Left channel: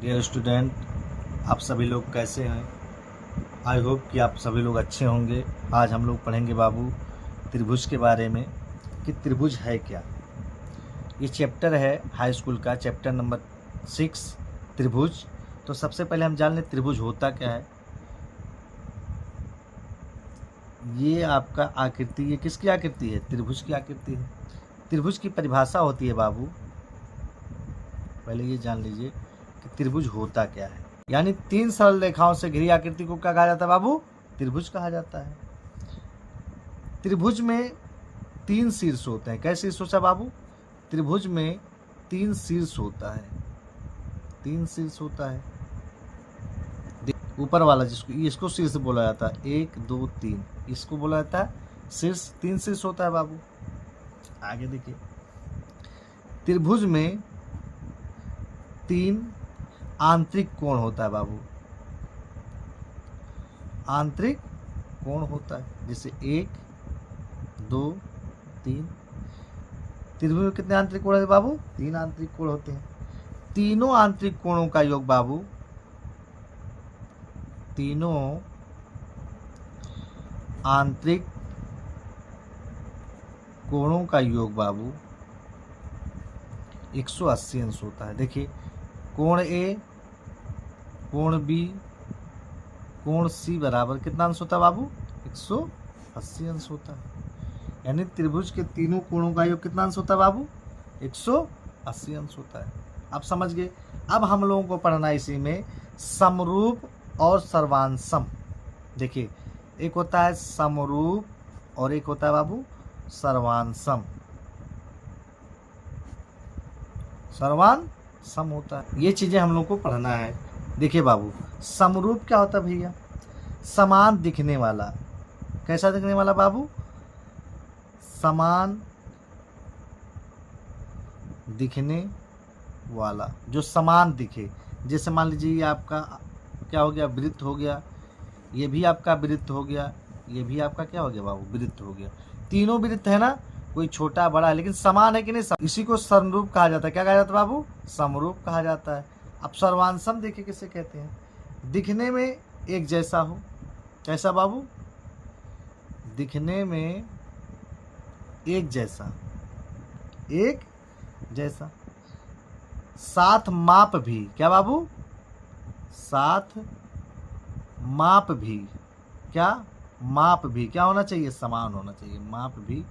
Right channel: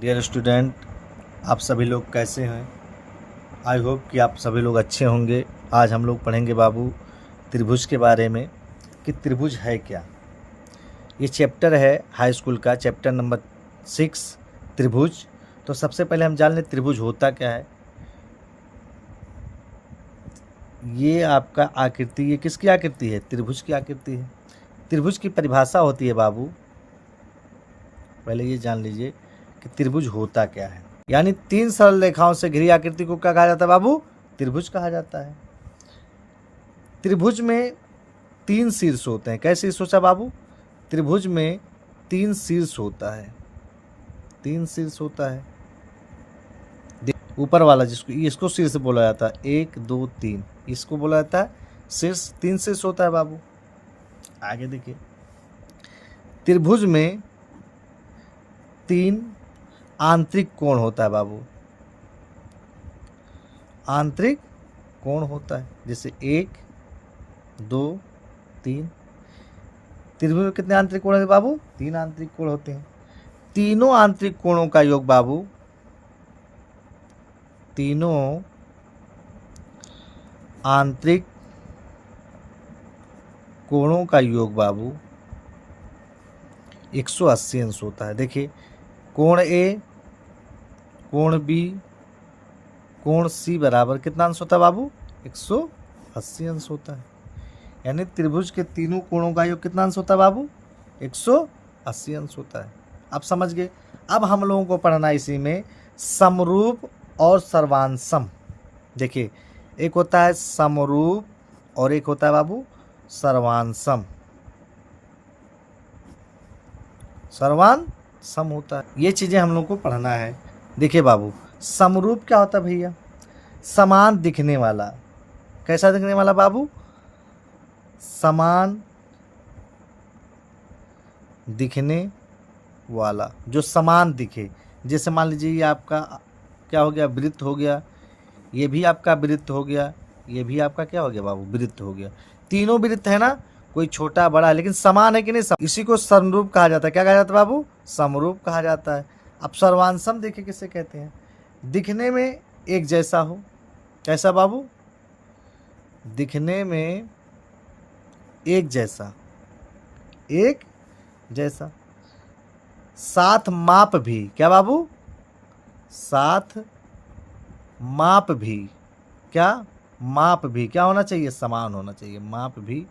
Dear student, आप सभी लोग कैसे हैं? आई होप कि आप सभी लोग अच्छे होंगे। आज हम लोग पढ़ेंगे बाबू त्रिभुज के बारे में कि त्रिभुज है क्या। ये चैप्टर है हाई स्कूल का, चैप्टर नंबर 6 त्रिभुज। तो सबसे पहले हम जान लें त्रिभुज होता क्या है। ये आपका आकृति, ये किसकी आकृति है? त्रिभुज की आकृति है। त्रिभुज की परिभाषा होती है बाबू, पहले ये जान लीजिए कि त्रिभुज होता क्या है। यानी 3 सरल रेखाओं से घिरी आकृति को क्या कहा जाता है बाबू? त्रिभुज कहा जाता है। त्रिभुज में 3 शीर्ष होते हैं। कैसे शीर्ष होता है बाबू? त्रिभुज में 3 शीर्ष होता है। 3 शीर्ष होता है। ऊपर वाला इसको शीर्ष बोला जाता है। 1 2 3 इसको बोला जाता है शीर्ष। 3 शीर्ष होता है बाबू। आगे देखिए, त्रिभुज में 3 आंतरिक कोण होता है बाबू। आंतरिक कोण होता है, जैसे 1 2 3। त्रिभुज में कितने आंतरिक कोण है बाबू? 3 आंतरिक कोण होते हैं। तीनों आंतरिक कोणों का योग बाबू, तीनों आंतरिक कोणों का योग बाबू 180 अंश होता है। देखिए, कोण ए, कोण बी, कोण सी बराबर कितना अंश होता है बाबू? 180 अंश होता है। यानी त्रिभुज के तीनों कोणों का योग कितना अंश होता है बाबू? 180 अंश होता है। अब समझ गए। अब हम लोगों को पढ़ना इसी में समरूप और सर्वांसम। देखिए, एक होता है समरूप और एक होता है बाबू सर्वांसम। सर्वांसम होता है। ये चीजें हम लोग को पढ़ना है। देखिए बाबू, समरूप क्या होता है भैया? समान दिखने वाला। कैसा दिखने वाला बाबू? समान दिखने वाला, जो समान दिखे। जैसे मान लीजिए ये आपका क्या हो गया? वृत्त हो गया। ये भी आपका वृत्त हो गया। ये भी आपका क्या हो गया बाबू? वृत्त हो गया। तीनों वृत्त है ना, कोई छोटा बड़ा है लेकिन समान है कि नहीं? इसी को समरूप कहा जाता है। क्या कहा जाता है बाबू? समरूप कहा जाता है। अब सर्वांसम देखिए किसे कहते हैं? दिखने में एक जैसा हो। कैसा बाबू? दिखने में एक जैसा, एक जैसा। साथ माप भी। क्या बाबू? साथ माप भी। क्या? माप भी क्या होना चाहिए? समान होना चाहिए। माप भी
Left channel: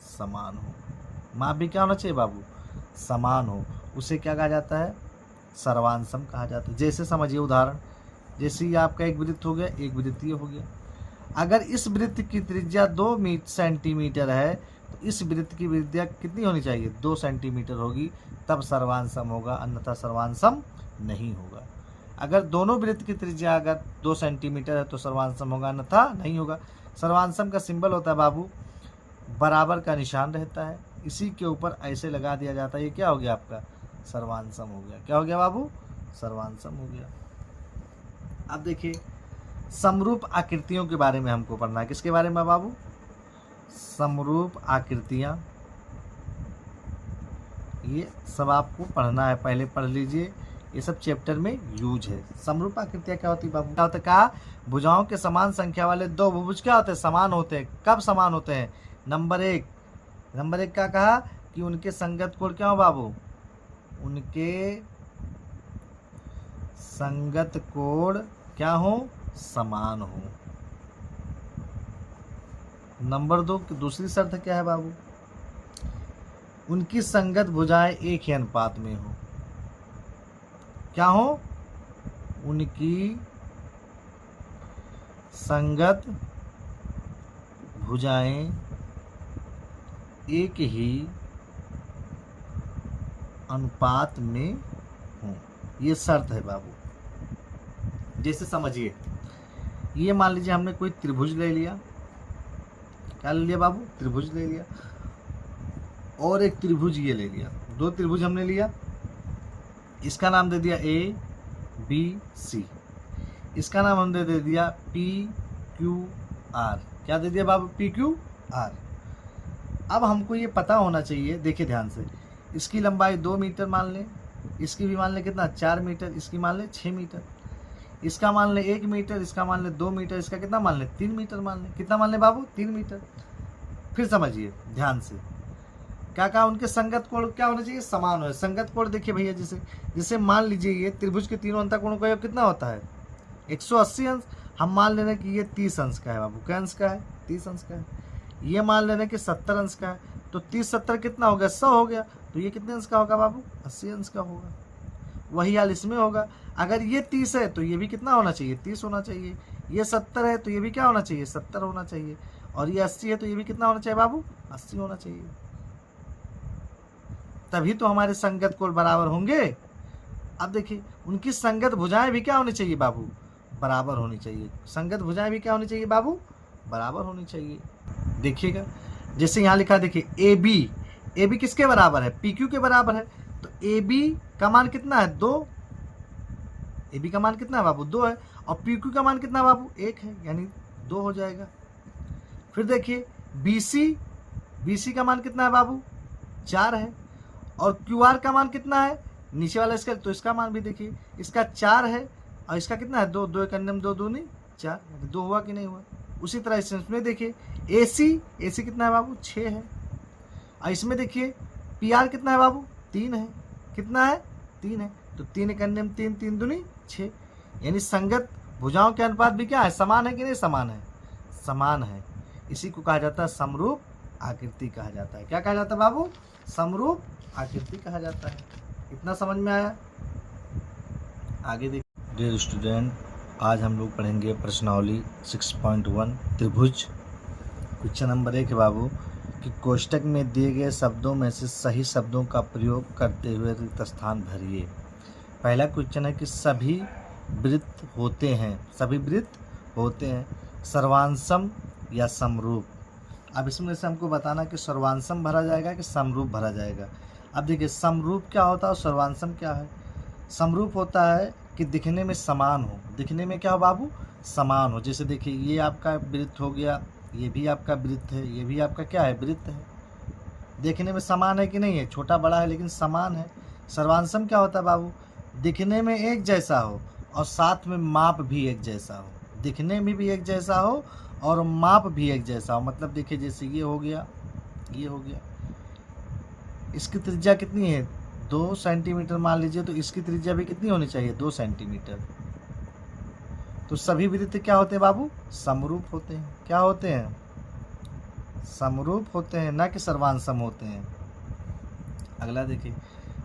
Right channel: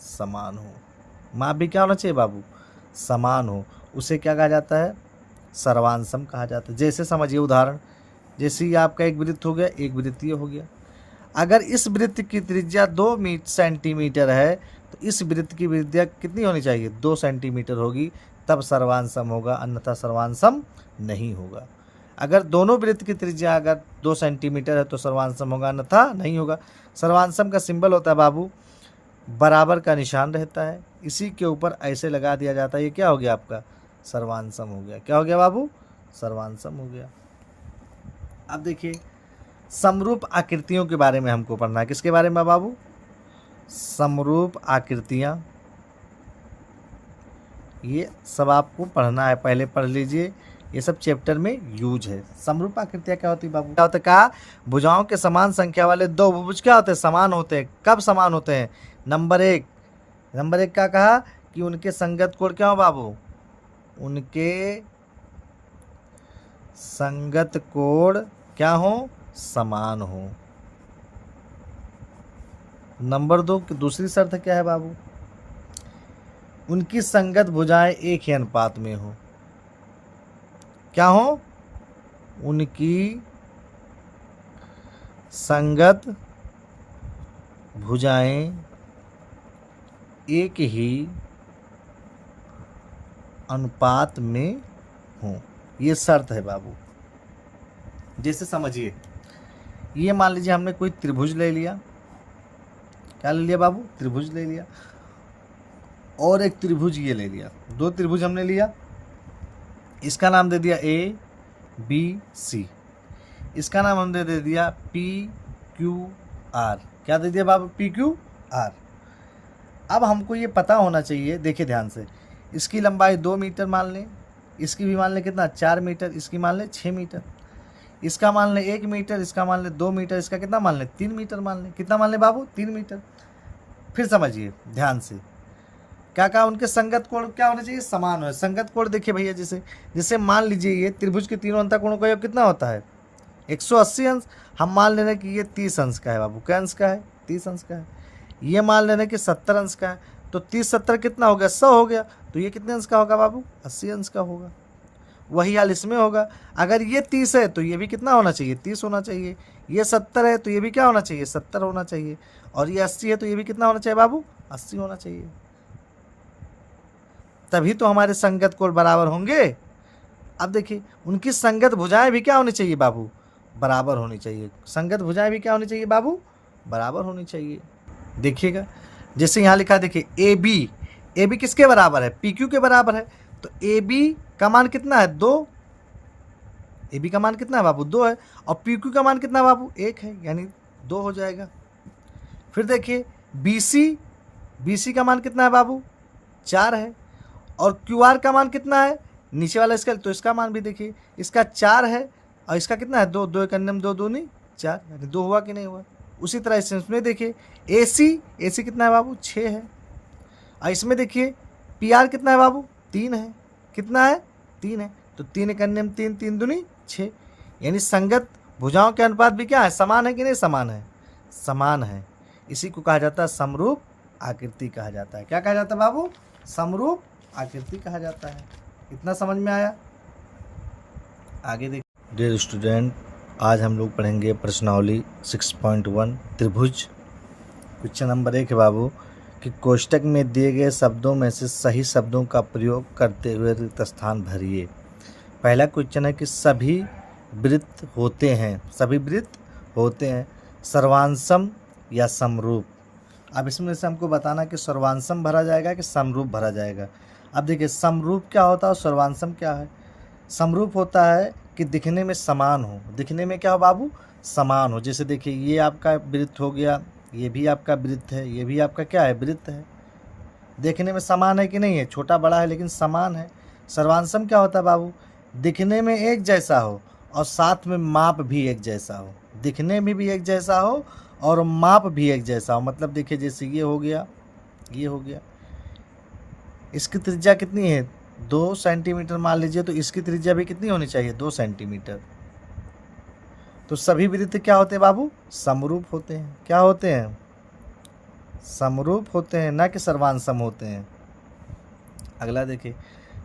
समान हो। माप भी क्या होना चाहिए बाबू? समान हो। उसे क्या कहा जाता है? सर्वांसम कहा जाता है। जैसे समझिए उदाहरण, जैसे ही आपका एक वृत्त हो गया, एक वृत्तीय हो गया। अगर इस वृत्त की त्रिज्या 2 सेंटीमीटर है तो इस वृत्त की त्रिज्या कितनी होनी चाहिए? 2 सेंटीमीटर होगी, तब सर्वांसम होगा, अन्यथा सर्वांसम नहीं होगा। अगर दोनों वृत्त की त्रिज्या अगर 2 सेंटीमीटर है तो सर्वांसम होगा, अन्यथा नहीं होगा। सर्वांसम का सिंबल होता है बाबू, बराबर का निशान रहता है, इसी के ऊपर ऐसे लगा दिया जाता है। ये क्या हो गया आपका? सर्वांसम हो गया। क्या हो गया बाबू? सर्वांसम हो गया। अब देखिए, समरूप आकृतियों के बारे में हमको पढ़ना है। किसके बारे में बाबू? समरूप आकृतियां। ये सब आपको पढ़ना है, पहले पढ़ लीजिए। ये सब चैप्टर में यूज है। समरूप आकृतियां क्या होती है बाबू? क्या होता है? कहा भुजाओं के समान संख्या वाले 2 बहुभुज क्या होते हैं? समान होते हैं। कब समान होते हैं? नंबर 1 का कहा कि उनके संगत कोण क्या हो बाबू? उनके संगत कोण क्या हो? समान हो। नंबर 2 की दूसरी शर्त क्या है बाबू? उनकी संगत भुजाएं एक ही अनुपात में हो। क्या हो? उनकी संगत भुजाएं एक ही अनुपात में हो। ये शर्त है बाबू। जैसे समझिए, ये मान लीजिए हमने कोई त्रिभुज ले लिया। क्या ले लिया बाबू? त्रिभुज ले लिया। और एक त्रिभुज ये ले लिया। 2 त्रिभुज हमने लिया। इसका नाम दे दिया ए बी सी। इसका नाम हमने दे दिया पी क्यू आर। क्या दे दिया बाबू? P Q R. अब हमको ये पता होना चाहिए, देखिए ध्यान से, इसकी लंबाई 2 मीटर मान लें, इसकी भी मान लें कितना 4 मीटर, इसकी मान लें 6 मीटर, इसका मान लें 1 मीटर, इसका मान लें 2 मीटर, इसका कितना मान लें 3 मीटर मान लें। कितना मान लें बाबू 3 मीटर। फिर समझिए ध्यान से क्या कहा, उनके संगत कोण क्या होना चाहिए, समान हो। संगत कोण देखिए भैया, जैसे मान लीजिए ये त्रिभुज के तीनों अंतःकोणों का योग कितना होता है 180 अंश। हम मान ले रहे हैं कि ये 30 अंश का है बाबू, क्या अंश का है 30 अंश का है। ये मान ले रहे हैं कि 70 अंश का है, तो 30 70 कितना हो गया 100 हो गया, तो ये कितने अंश का होगा बाबू 80 अंश का होगा। वही हाल इसमें होगा, अगर ये 30 है तो ये भी कितना होना चाहिए 30 होना चाहिए, ये 70 है तो ये भी क्या होना चाहिए 70 होना चाहिए, और ये 80 है तो ये भी कितना होना चाहिए बाबू 80 होना चाहिए। तभी तो हमारे संगत कोण बराबर होंगे। अब देखिए उनकी संगत भुजाएं भी क्या होनी चाहिए बाबू बराबर होनी चाहिए। संगत भुजाएं भी क्या होनी चाहिए बाबू बराबर होनी चाहिए। देखिएगा जैसे यहाँ लिखा है, देखिए ए बी किसके बराबर है पी क्यू के बराबर है, तो ए बी का मान कितना है 2, ए बी का मान कितना है बाबू 2 है, और पी क्यू का मान कितना है बाबू 1 है, यानी 2 हो जाएगा। फिर देखिए बी सी का मान कितना है बाबू 4 है, और क्यू आर का मान कितना है नीचे वाला इसका, तो इसका मान भी देखिए इसका 4 है और इसका कितना है 2, 2 एक अन्य में 2 दूनी 4, यानी 2 हुआ कि नहीं हुआ। उसी तरह इसमें देखिए ए सी कितना है बाबू 6 है, और इसमें देखिए पी आर कितना है बाबू 3 है, कितना है 3 है, तो 3 एक अन्य में 3, 3 दूनी 6, यानी संगत भुजाओं के अनुपात भी क्या है समान है कि नहीं समान है, समान है। इसी को कहा जाता है समरूप आकृति कहा जाता है। क्या कहा जाता है बाबू समरूप आकृति कहा जाता है। इतना समझ में आया। आगे देखिए डियर स्टूडेंट, आज हम लोग पढ़ेंगे प्रश्नावली 6.1 त्रिभुज। क्वेश्चन नंबर 1 है बाबू कि कोष्टक में दिए गए शब्दों में से सही शब्दों का प्रयोग करते हुए रिक्त स्थान भरिए। पहला क्वेश्चन है कि सभी वृत्त होते हैं, सभी वृत्त होते हैं सर्वांशम या समरूप। अब इसमें से हमको बताना कि सर्वांशम भरा जाएगा कि समरूप भरा जाएगा। अब देखिए समरूप क्या होता है और सर्वांशम क्या है। समरूप होता है कि दिखने में समान हो, दिखने में क्या हो बाबू समान हो। जैसे देखिए ये आपका वृत्त हो गया, ये भी आपका वृत्त है, ये भी आपका क्या है वृत्त है, देखने में समान है कि नहीं है, छोटा बड़ा है लेकिन समान है। सर्वांशम क्या होता है बाबू दिखने में एक जैसा हो और साथ में माप भी एक जैसा हो, दिखने में भी एक जैसा हो और माप भी एक जैसा हो। मतलब देखिए जैसे ये हो गया, ये हो गया, इसकी त्रिज्या कितनी है 2 सेंटीमीटर मान लीजिए, तो इसकी त्रिज्या भी कितनी होनी चाहिए 2 सेंटीमीटर। तो सभी वृत्त क्या होते हैं बाबू समरूप होते हैं। क्या होते हैं समरूप होते हैं, ना कि सर्वांशम होते हैं। अगला देखिए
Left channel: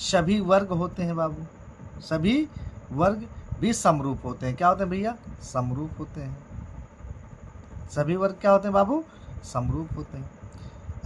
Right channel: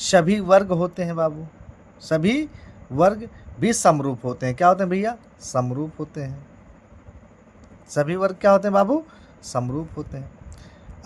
सभी वर्ग होते हैं बाबू, सभी वर्ग भी समरूप होते हैं। क्या होते हैं भैया समरूप होते हैं। सभी वर्ग क्या होते हैं बाबू समरूप होते हैं।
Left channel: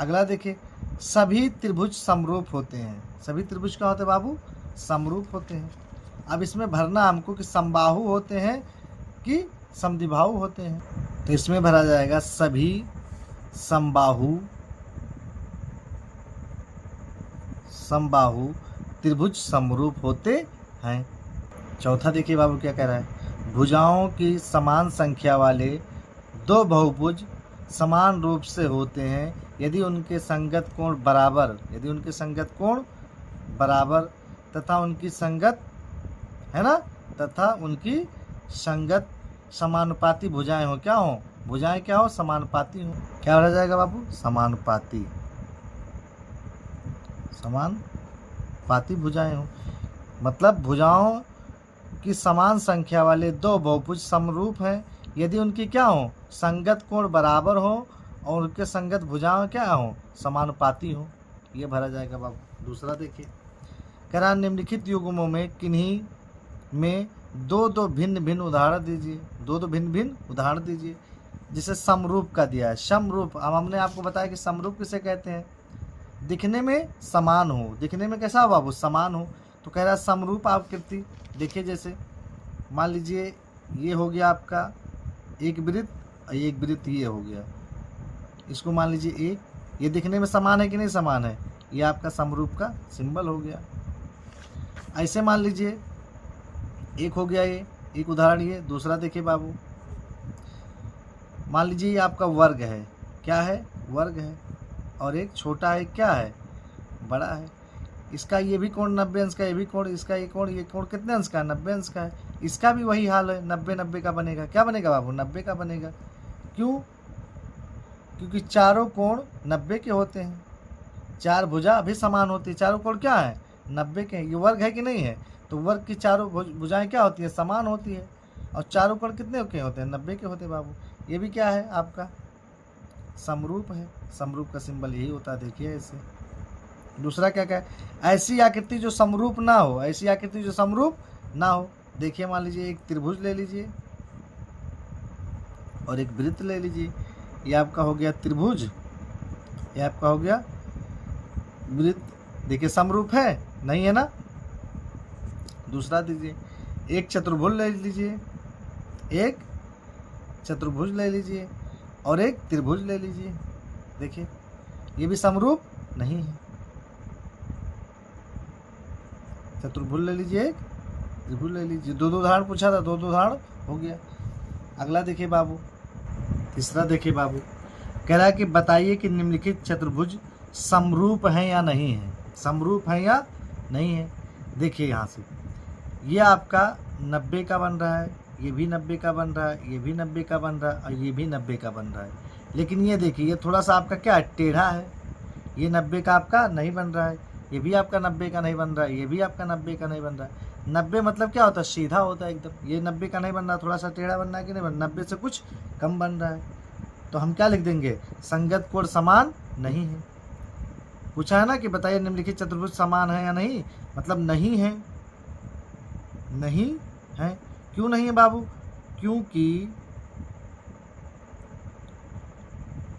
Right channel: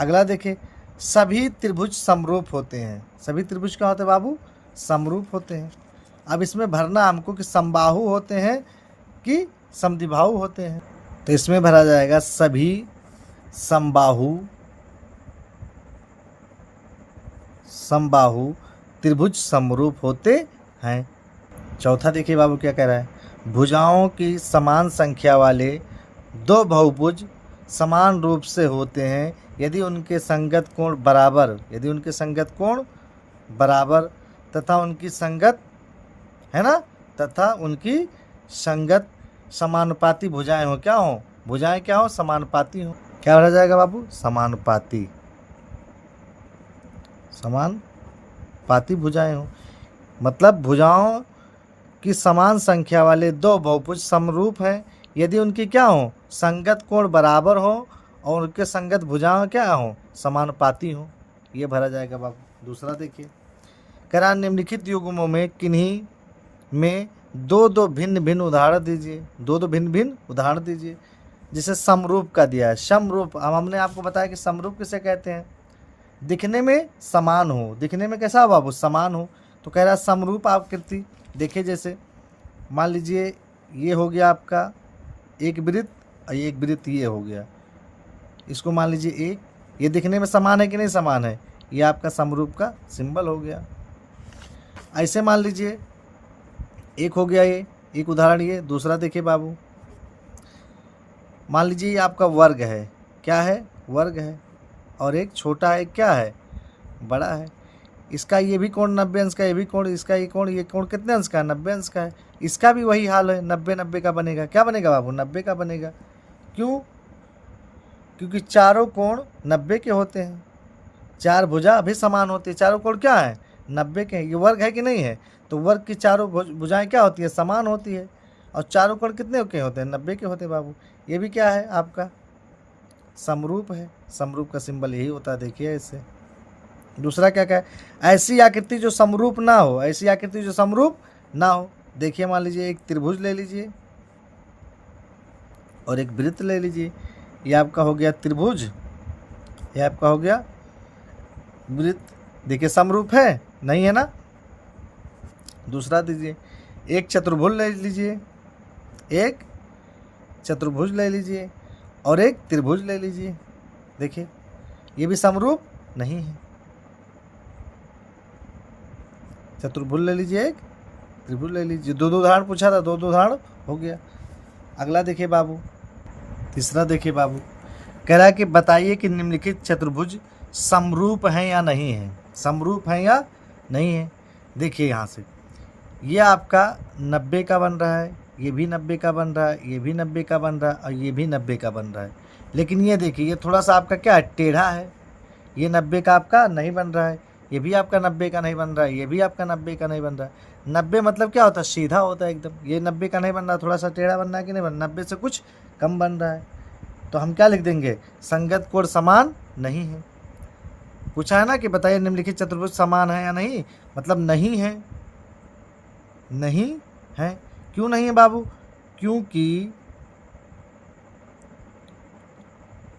अगला देखिए सभी त्रिभुज समरूप होते हैं। सभी त्रिभुज क्या होते हैं बाबू समरूप होते हैं। अब इसमें भरना हमको कि समबाहु होते हैं कि समद्विबाहु होते हैं, तो इसमें भरा जाएगा सभी समबाहु त्रिभुज समरूप होते हैं। चौथा देखिए बाबू क्या कह रहा है, भुजाओं की समान संख्या वाले 2 बहुभुज समान रूप से होते हैं यदि उनके संगत कोण बराबर, यदि उनके संगत कोण बराबर तथा उनकी संगत है ना, तथा उनकी संगत समानुपाती भुजाएं हो। क्या हो भुजाएं क्या हो समानुपाती हो। क्या रह जाएगा बाबू समानुपाती, समानुपाती भुजाएं हो। मतलब भुजाओं की समान संख्या वाले 2 बहुभुज समरूप हैं यदि उनकी क्या हो संगत कोण बराबर हो और उनके संगत भुजाएं क्या हो समानुपाती हो। ये भरा जाएगा बाबू। दूसरा देखिए कह रहा निम्नलिखित युग्मों में किन्हीं में 2 भिन्न भिन्न उदाहरण दीजिए, 2 भिन्न भिन्न उदाहरण दीजिए। जिसे समरूप का दिया है, समरूप हमने आपको बताया कि समरूप किसे कहते हैं दिखने में समान हो, दिखने में कैसा हो बाबू समान हो। तो कह रहा है समरूप आकृति देखिए, जैसे मान लीजिए ये हो गया आपका एक वृत्त और एक वृत्त ये हो गया, इसको मान लीजिए एक, ये दिखने में समान है कि नहीं समान है, ये आपका समरूप का सिंबल हो गया। ऐसे मान लीजिए एक हो गया ये एक उदाहरण। ये दूसरा देखिए बाबू, मान लीजिए ये आपका वर्ग है, क्या है वर्ग है, और एक छोटा है क्या है बड़ा है। इसका ये भी कोण 90 अंश का, ये भी कोण, इसका ये कोण कितने अंश का है? 90 अंश का है। इसका भी वही हाल है, 90 का बनेगा। क्या बनेगा बाबू? 90 का बनेगा। क्यों? क्योंकि चारों कोण 90 के होते हैं। चार भुजा भी समान होती है। चारों कोण क्या है? 90 के हैं। ये वर्ग है कि नहीं है? तो वर्ग की चारों भुजाएं क्या होती है? समान होती है। और चारों कोण कितने के होते हैं? 90 के होते हैं बाबू। ये भी क्या है आपका? समरूप है। समरूप का सिंबल यही होता है, देखिए इससे। दूसरा क्या क्या है? ऐसी आकृति जो समरूप ना हो। ऐसी आकृति जो समरूप ना हो। देखिए मान लीजिए एक त्रिभुज ले लीजिए और एक वृत्त ले लीजिए। ये आपका हो गया त्रिभुज, ये आपका हो गया वृत्त। देखिए समरूप है? नहीं है ना? दूसरा दीजिए, एक चतुर्भुज ले लीजिए, एक चतुर्भुज ले लीजिए और एक त्रिभुज ले लीजिए। देखिए ये भी समरूप नहीं है। चतुर्भुज ले लीजिए, एक त्रिभुज ले लीजिए। दो उदाहरण पूछा था, दो उदाहरण हो गया। अगला देखिए बाबू, तीसरा देखिए बाबू, कह रहा है कि बताइए कि निम्नलिखित चतुर्भुज समरूप हैं या नहीं है। समरूप हैं या नहीं है। देखिए यहाँ से ये आपका 90 का बन रहा है, ये भी 90 का बन रहा है, ये भी 90 का बन रहा है और ये भी 90 का बन रहा है। लेकिन ये देखिए ये थोड़ा सा आपका क्या है? टेढ़ा है। ये 90 का आपका नहीं बन रहा है, ये भी आपका 90 का नहीं बन रहा है, ये भी आपका 90 का नहीं बन रहा है। 90 मतलब क्या होता है? सीधा होता है एकदम। ये 90 का नहीं बन रहा, थोड़ा सा टेढ़ा बन रहा है कि नहीं बन रहा? 90 से कुछ कम बन रहा है। तो हम क्या लिख देंगे? संगत कोण समान नहीं है। पूछा है ना कि बताइए निम्नलिखित चतुर्भुज समान है या नहीं, मतलब नहीं है। नहीं है। क्यों नहीं है बाबू? क्योंकि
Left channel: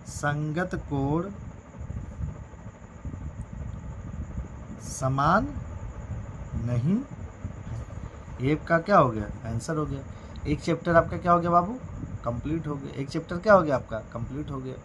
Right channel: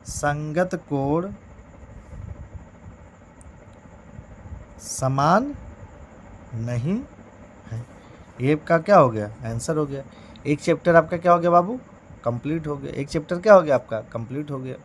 संगत कोण समान नहीं है। ये का क्या हो गया? आंसर हो गया। एक चैप्टर आपका क्या हो गया बाबू? कंप्लीट हो गया। एक चैप्टर क्या हो गया आपका? कंप्लीट हो गया।